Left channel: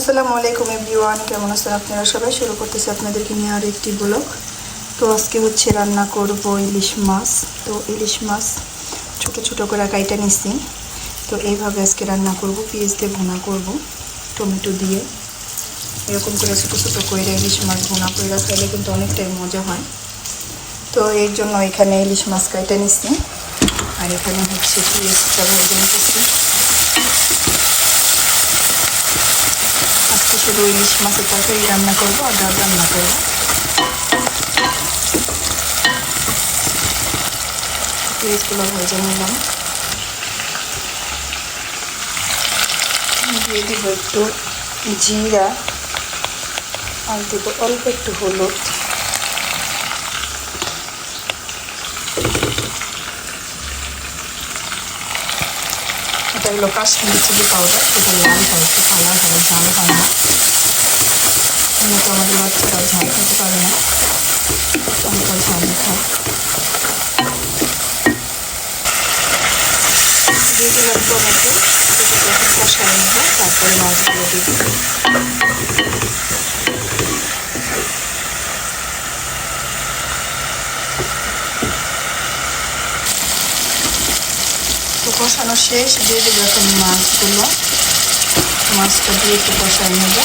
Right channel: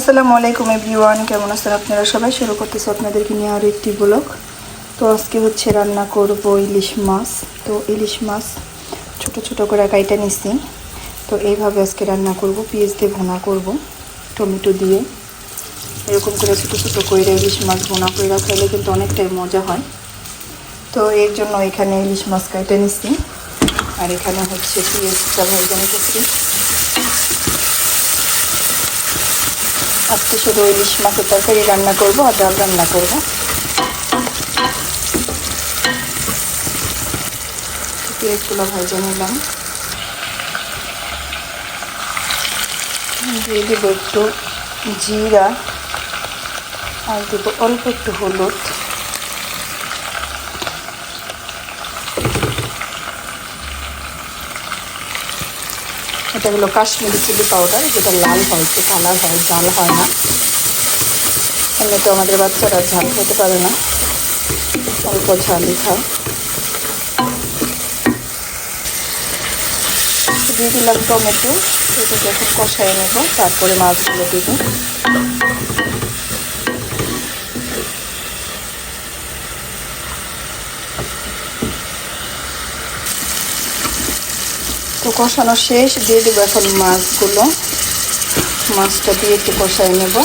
আসসালামু আলাইকুম এভরিওয়ান, কেমন আছেন আপনারা সবাই? শুরু করতেছি আপনাদেরকে নিয়ে আর একটি ব্লগ। তো আজকে হচ্ছে রান্না করব ইলিশ মাছ। তো ইলিশ মাছ ছোট ছোট করে কাইটা নিছি। তো এইভাবে আজকে রান্না করব, পেঁয়াজ দিয়ে ভুনা করব, টমেটো দিয়ে এরকম করে ছোটো ছোটো করে ইলিশ মাছ ভুনা করে রাখলে কিন্তু অনেকটাই মজা হয়। তো এর জন্য এখানে ইলিশ মাছ কাইটা নিছি, আর এখানে হচ্ছে পেঁয়াজটা ভেজে নিতেছি। আজকে শুধু ইলিশ মাছের তরকারি রান্না করব আর ডাল রান্না করব। পেঁয়াজগুলো ভেজে নিলাম, দিয়ে দেবো একটু জিরা আর দেবো অল্প একটু হলুদ। এটা হলো কাশ্মীরি চিলি পাউডার, যেটা লাল হয়, একটু কালার হয়, ঝাল হয় না। এমনি তো আমাদের বাচ্চারা ঝাল খেতে পারে না, অল্প ঝালই খায়। দিয়ে দিলাম টমেটো, এটাকে একটু কষাই নেব, তারপরে মাছগুলো দেব। তো কষানো শেষ, দিয়ে দেবো এখন মাছগুলো। মাছটা দিয়ে একটু কষাই নেব।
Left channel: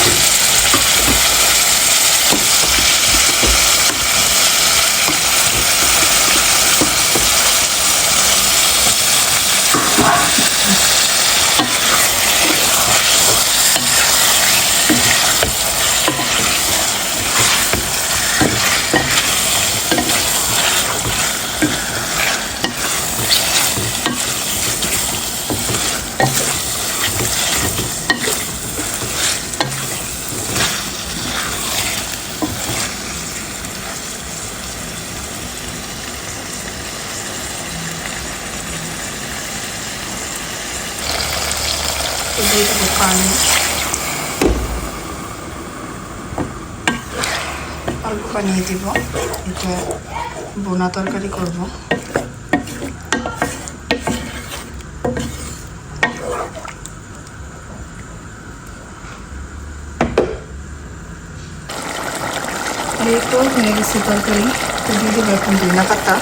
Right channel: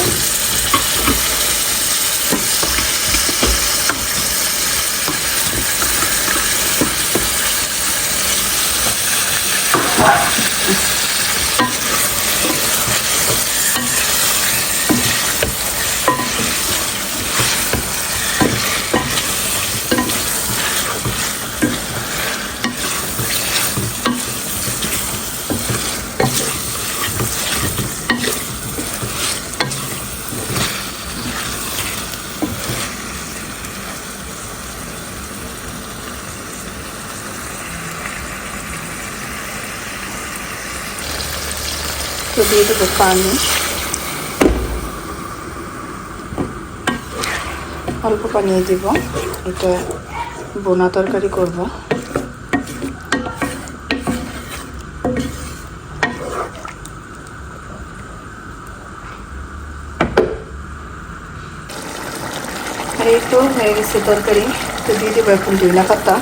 তো দিয়ে দেবো পানি, অল্প পানি দিব। এটা বোনা তরকারি করব। একটু হয়ে গেছে তরকারি। তো দিয়ে দেবো এখন ধনিয়া পাতা।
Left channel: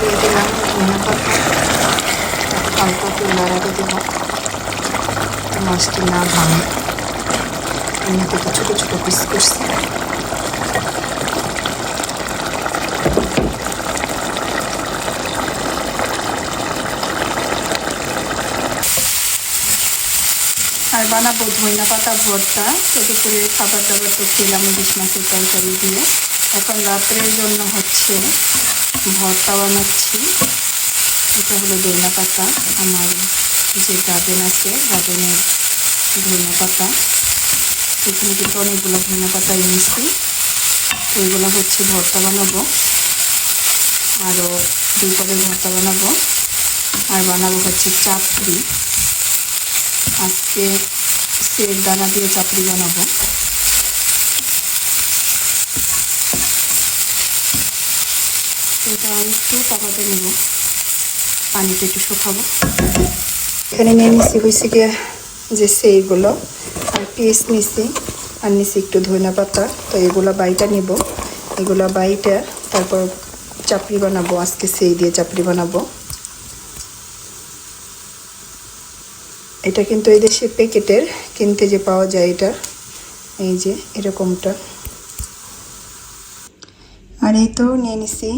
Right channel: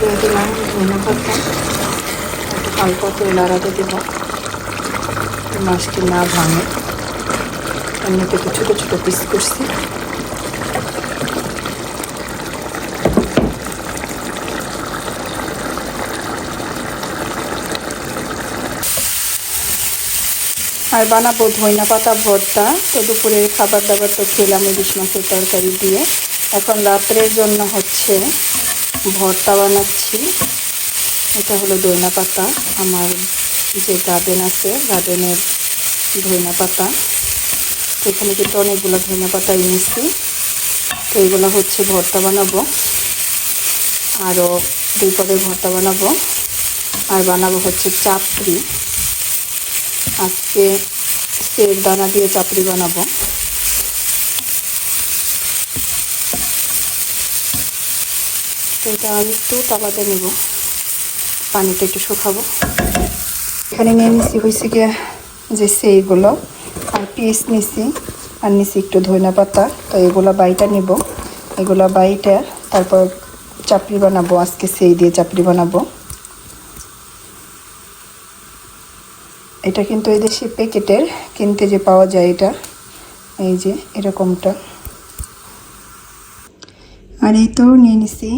দিয়ে দিলাম ধনিয়া পাতা, একটু হালকা তেল আড়াতে দেব, মাছটি না ভাঙে। এমনি থেকে ছোটো ছোটো পিস করছি। আর বানাবো ধনিয়া পাতা ভর্তা। তো দুপুরের খাবার দাবার তো খেলাম ইলিশ মাছের তরকারি দিয়ে। এখন রাত্রের জন্য হচ্ছে ভর্তা বানাচ্ছি। এটা হলো ধনিয়া পাতা, আমার যে গার্ডেন আছে, গার্ডেনের ধনিয়া পাতা। সেখানে কিন্তু অনেকগুলো ধনিয়া পাতা এনেছি। তো এগুলো হচ্ছে ভর্তা বানাবো, আরও 2 পদের ভর্তা বানাবো। আর বানাবো হচ্ছে চাপড়ি। আজকে সের দানা দিয়ে চাপড়ি বানাবো। এটা একটু তাওয়াতে নেব, পানিতে একটু শুকাবো। এখানে নিয়ে নিছি হয়েছে গিয়ে যে সেইগুলো, আর পিস নিছি, আর নিছি একটু ধনিয়া পাতা। তো এগুলো বাইটা নিব, এগুলো বাইটা তারপর চাপড়ি বানাবো। আজকে সেই দিয়ে চাপড়ি বানাবো। এটা কিন্তু এই দেশে প্যাকেটের কিনতে যে পাওয়া যায়, এটা এই যে এরকমটা। আর এই তো নিয়ে নিছি।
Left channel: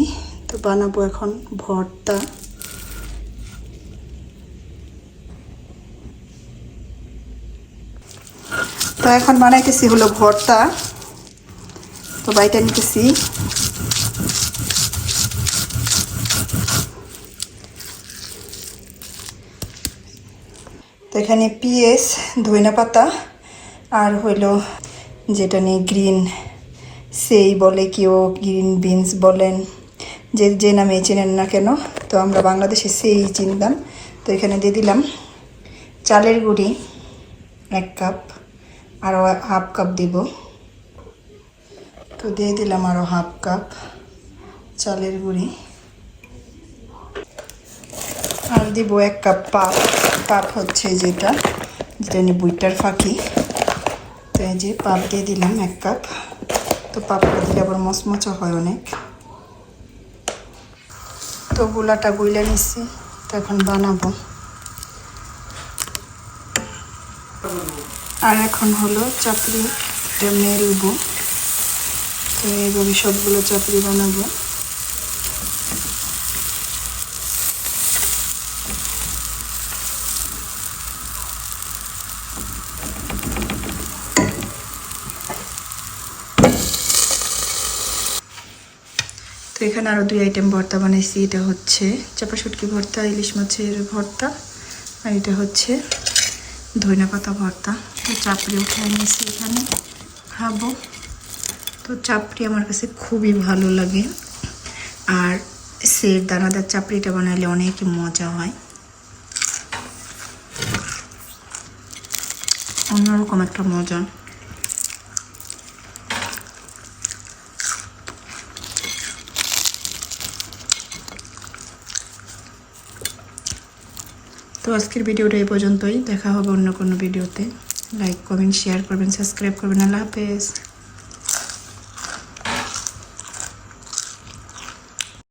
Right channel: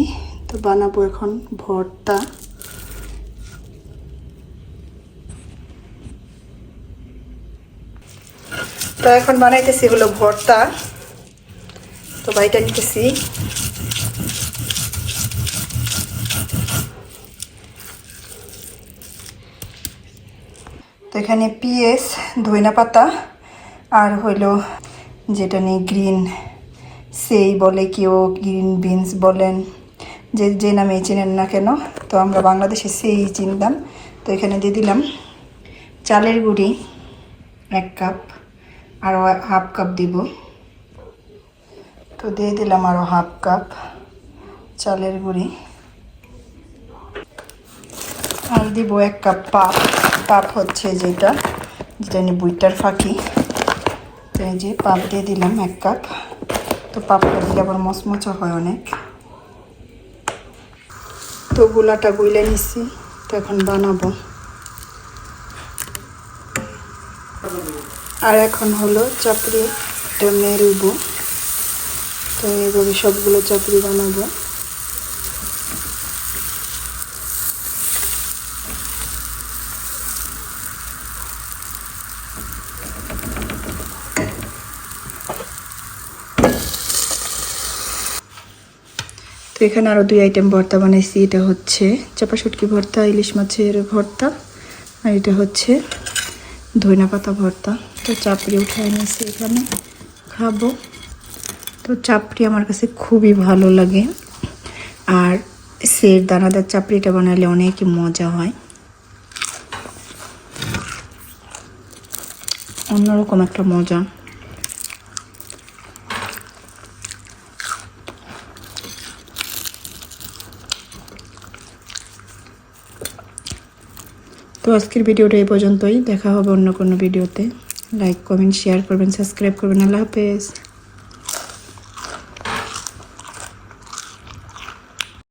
তো বানাবো এখন ভর্তা। তো এখন বানাইতেছি হলো ভর্তা। তো বাইটা নিতেছি। তো এখানে পেঁয়াজ, ধনিয়া পাতা আর হইলো যেটা নেই গ্রিন সেই বলে, কেউ গ্রিন বিনস বলেন, যে যে নামে চেনেন না কেন। তো আমরা বাংলাদেশে সেই চিনতাম। তো এখানে দিয়ে দিলাম চালের গুঁড়ি 1 কাপ, আরও হাফ কাপ দিব। তো দিয়ে দিলাম আরও হাফ কাপ চালের গুঁড়ি। দিব 1 কাপ পাপ। পাপ হচ্ছে যেটা জানি বুইটার ফাঁকি। তো এই যে পাপ দিয়ে দিলাম 1 কাপ। তো পাপটা দিলে আবার মচমচা হয় অনেক। তো গুলাটা গুইলা নিছি, তো এখন বানাবো। আর এখন হলো চাপড়িটা মেলবো। তো এইভাবে সবগুলো চাপড়ি বানাবো। তো এখানে আরও 2 আইটেম ভর্তা বানাইছি। এটা হচ্ছে চাপা শুটকি ভর্তা, ইলিশ মাছের ভর্তা, আর এটা হচ্ছে ধনিয়া পাতা ভর্তা। তো চাপড়ি উঠাই নিয়েছি, এখানে খাবো। তো চাপড়ি আমার কাছে খুবই ভালো লাগে, আর সের দানাদার চাপড়িটা বানালে অনেক মজা হয়, অন্যরকম একটা মজা। তো আজকের ভিডিওটা এই পর্যন্তই। দেখা হবে অন্য কোনো ভিডিওতে। লাইক করবেন, শেয়ার করবেন, সাবস্ক্রাইব করবেন। আল্লাহ হাফেজ।